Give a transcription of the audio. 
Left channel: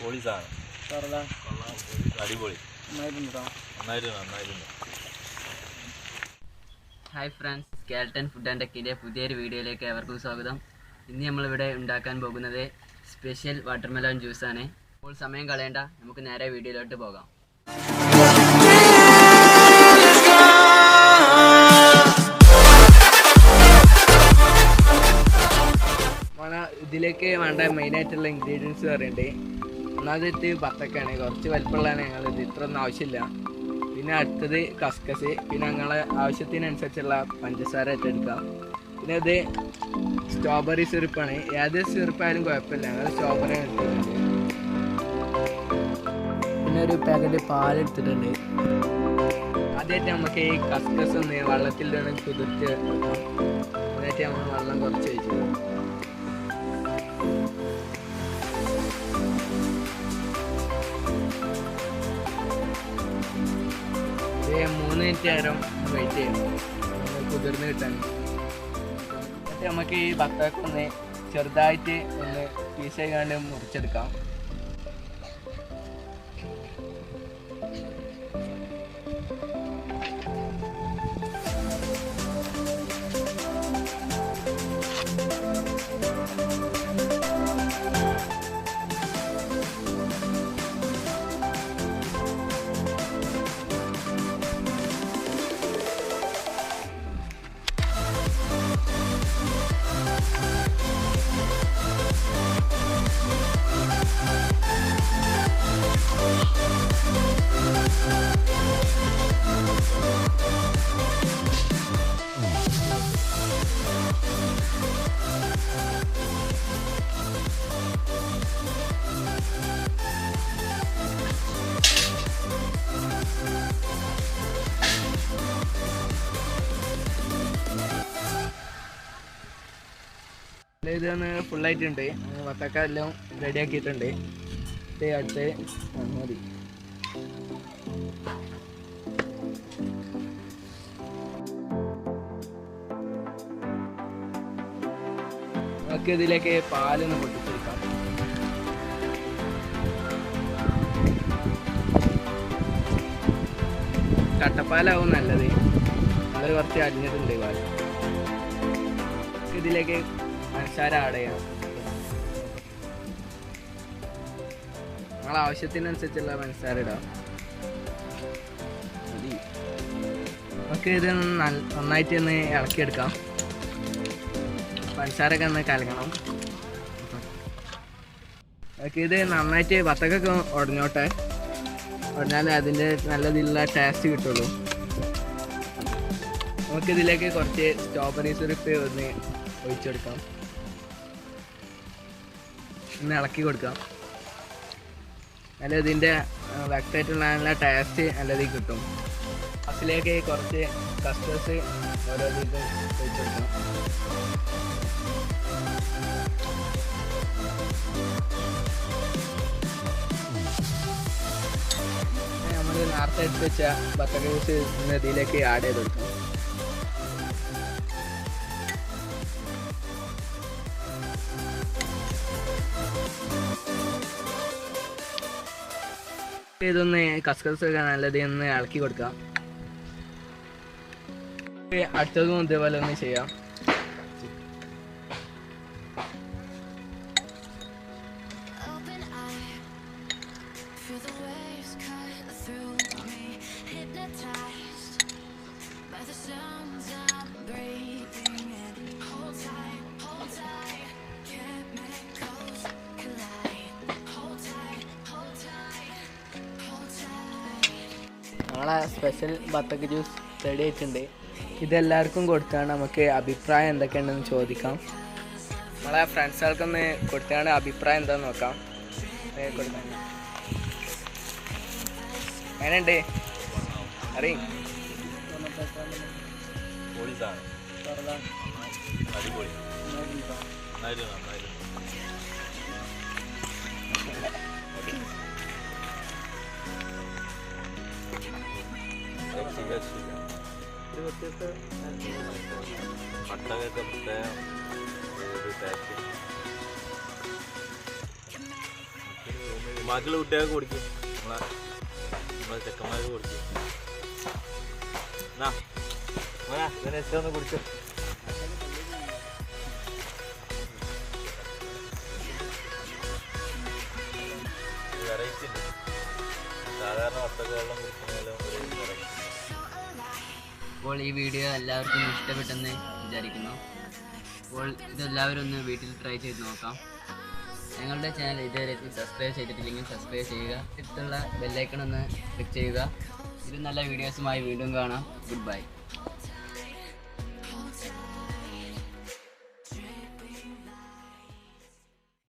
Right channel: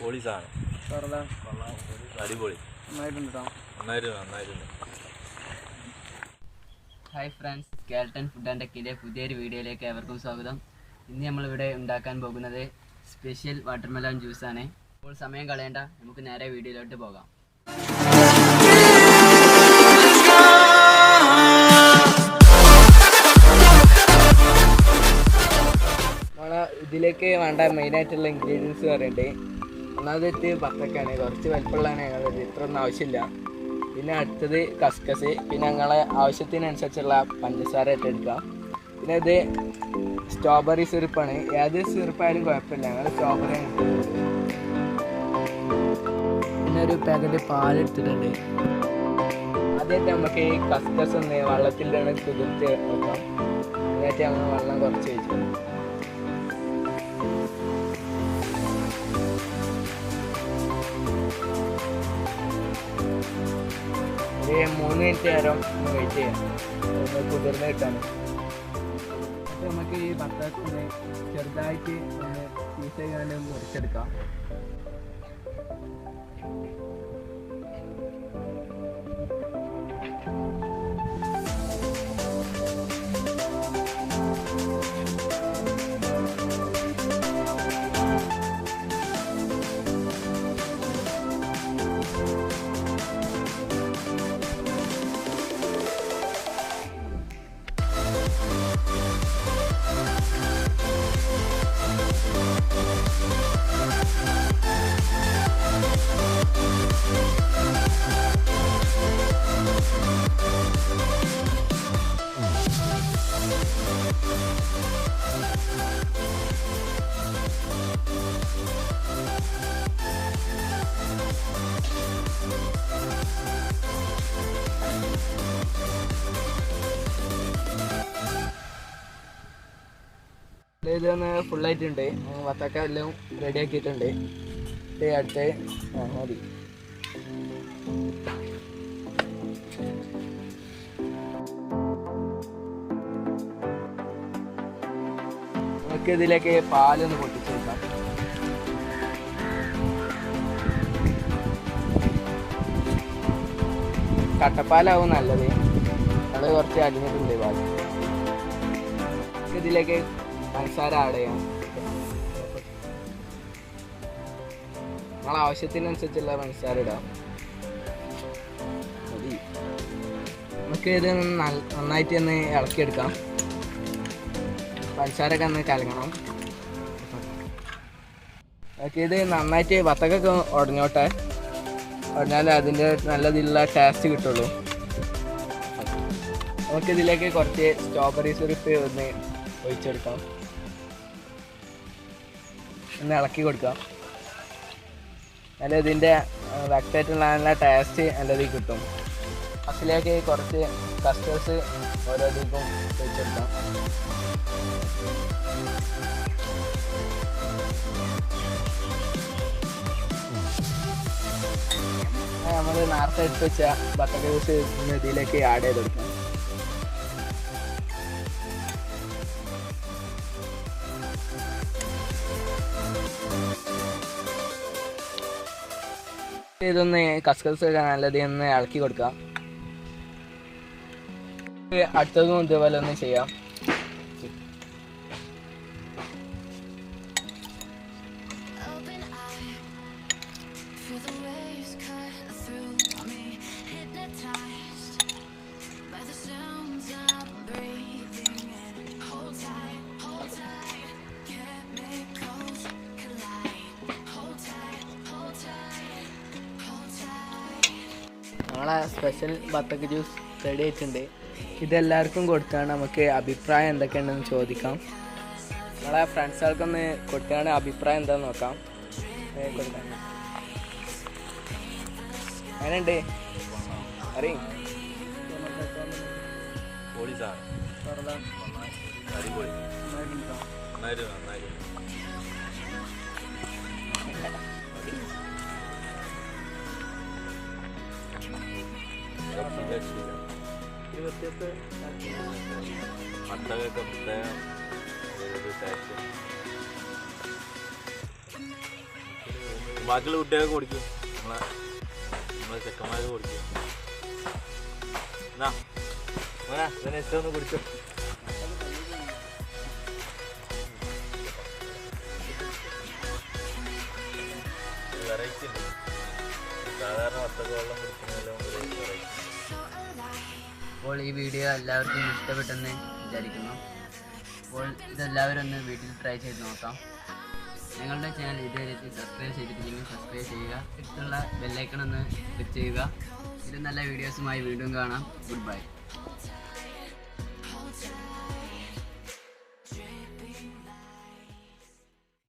പൊളി സാധനം അടിപൊളി നന്നായിട്ടുണ്ട്. Hi friends, skeleton food and ടെക്കിൻ്റെ പുതിയൊരു വീഡിയോയിലേക്ക് ഏവർക്കും സ്വാഗതം. ഇന്ന് നമ്മളിവിടെ ഉണ്ടാക്കാൻ പോകുന്നത് സ്പെഷ്യൽ വാട്ടർമെലൺ ജ്യൂസാണ്. അപ്പോൾ സമയം കളയണ്ട, നമുക്ക് നേരെ വീഡിയോയിലോട്ട് പോകാം. ഇതിലേക്ക് വേണ്ട മെയിനായിട്ടുള്ള ഇൻഗ്രീഡിയൻസ് പറയുന്നുണ്ട്. ഒന്നാമത്തെ ബത്തക്കാണ്, കുറച്ച് വലിപ്പമുള്ളതാണ് ഞങ്ങളത്, ഇത്രയൊന്നും ആവശ്യമില്ല. പിന്നെ അടുത്തത് കസ്കസ്, പിന്നെ ഞങ്ങളെ ആവശ്യത്തിനനുസരിച്ചുള്ള പഞ്ചസാര ഇട്ടെടുക്കാം. പിന്നെ ഇത് സ്ട്രോബെറി സിറപ്പാണ്, ഏത് സിറപ്പായാലും കുഴപ്പമില്ല, ഞങ്ങൾ സ്ട്രോബെറി എടുത്തിട്ടുണ്ട്. പിന്നെ ഒരു പാക്കറ്റ് പാലെടുത്തിട്ടുണ്ട്. ആദ്യമായിട്ട് നമുക്ക് ഈ കസ്കസ് ഒന്ന് വെള്ളത്തിലാണ് കുതിർത്ത് വെക്കാം. എന്നിട്ട് നമ്മൾ വെള്ളം കുറച്ച് വെച്ചു. 3 മിനിറ്റ് നേരം വെയിറ്റ് ചെയ്യണം കുതിർന്ന് കിട്ടാൻ. എന്നിട്ട് നമുക്ക് ഈ ബത്തക്കൊന്ന് ചെറുതായിട്ട് ഒന്ന് പീസ് ചെയ്യാണ്ട് മുറിച്ചെടുക്കാം. ഇതൊന്ന് ഫുള്ളായിട്ടുണ്ട്, വത്തക്ക എല്ലാം റെഡി ആക്കിയിട്ടുണ്ട്. അടുത്ത് മതി. നമുക്ക് ഇതിലേക്ക് പാലൊന്ന് പൊട്ടിച്ചെടുക്കാം. കട്ടപ്പാലാവും നല്ലത്, അത് കുറച്ച് അലിഞ്ഞിട്ടുണ്ട് പാൽ. ഇതിലേക്ക് പഞ്ചസാര ആഡ് ചെയ്യണം. നമ്മളെ ആവശ്യത്തിനനുസരിച്ചുള്ള പഞ്ചസാര ഇടാം. നമുക്ക് ഇത് നന്നായിട്ട് ഒന്ന് ഇളക്കിയെടുക്കാം. പഞ്ചസാരൊക്കെ ഒന്ന് കലങ്ങണം. നമുക്ക് ഇത് നന്നായിട്ട് വത്തക്കൊക്കെ ഉടഞ്ഞോട്ടെ, ഉടഞ്ഞാലേ അതിൻ്റെ നല്ലതിലുള്ള ടേസ്റ്റ് കിട്ടുള്ളൂ. നമുക്കിതിലേക്ക് കുറച്ച് സ്ട്രോബെറി സിറപ്പ് ഒന്ന് ഒഴിച്ചെടുക്കാം, ഒന്ന് ഇളക്കി കൊടുക്കാം. നല്ല ഇതിൻ്റെ വ്യക്തമായിട്ടുള്ള നല്ല ടേസ്റ്റ് നല്ലതിൽ കിട്ടും. അതിലേക്ക് കുറച്ച് കസ്റ്റേഴ്സ് ഓരോ ഇതിപ്പം ഒഴിച്ചെടുക്കാം. നമ്മൾ നേരത്തെ എടുത്ത് വെച്ച ബത്തക്ക ജ്യൂസ് ഇതിലേക്ക് ആഡ് ചെയ്തെടുക്കാം. ഇതൊന്ന് കസ്കസ് നല്ലത് ഒന്ന് ഇളക്കി കൊടുക്കാം. അടുത്തതും ഇതേപോലെ ഒന്ന് ചെയ്യാം. നമ്മളെ സ്പെഷ്യൽ ബത്തക്ക ജ്യൂസ് റെഡി ആയിട്ടുണ്ട്. ഇതെല്ലാവർക്കും കൊടുത്താണ് നമുക്ക് അഭിപ്രായം എന്തൊക്കെയുണ്ടെന്ന് ചോദിക്കാം. നമ്മളെ ഫ്രണ്ട്സുകൾക്കൊന്ന് കൊടുത്താണ് അഭിപ്രായം എന്താണെന്ന് നോക്കാം. എങ്ങനെയുണ്ട് അറിയും? വ്യത്യസ്ത അട്ടകൊക്കെ പ്രത്യേകം ടേസ്റ്റ് ബാക്കിയുള്ള കുട്ടികൾക്ക് കൊടുക്കും, നമ്മളെ ചെക്കന്മാർക്ക് കൊടുക്കും. എന്നാ ഇതിനെ ഇഷ്ടം ഒന്ന് കുടിച്ചു. വെറൈറ്റി ഉണ്ട്, സാധാരണ വത്തക്ക വെള്ളം കുടിക്കുന്നതിലും ഒരു വെറൈറ്റി. അപ്പോൾ ഈ വീഡിയോ എല്ലാവർക്കും ഇഷ്ടപ്പെട്ടെന്ന് വിചാരിക്കുന്നു. അപ്പോൾ ഇതെല്ലാവരും ഒന്ന് വീട്ടിൽ ട്രൈ ചെയ്ത് നോക്കാം. ഞങ്ങളുടെ ചാനൽ ഇതുവരെ സബ്സ്ക്രൈബ് ചെയ്തിട്ടില്ലെങ്കിൽ സബ്സ്ക്രൈബ് ചെയ്യുക. അടുത്തുള്ള ബെല്ലൈക്കൺ ഒന്ന് ക്ലിക്ക് ചെയ്യുക. ഇത് നല്ല വീഡിയോസുമായി വീണ്ടും കാണാം. Good bye.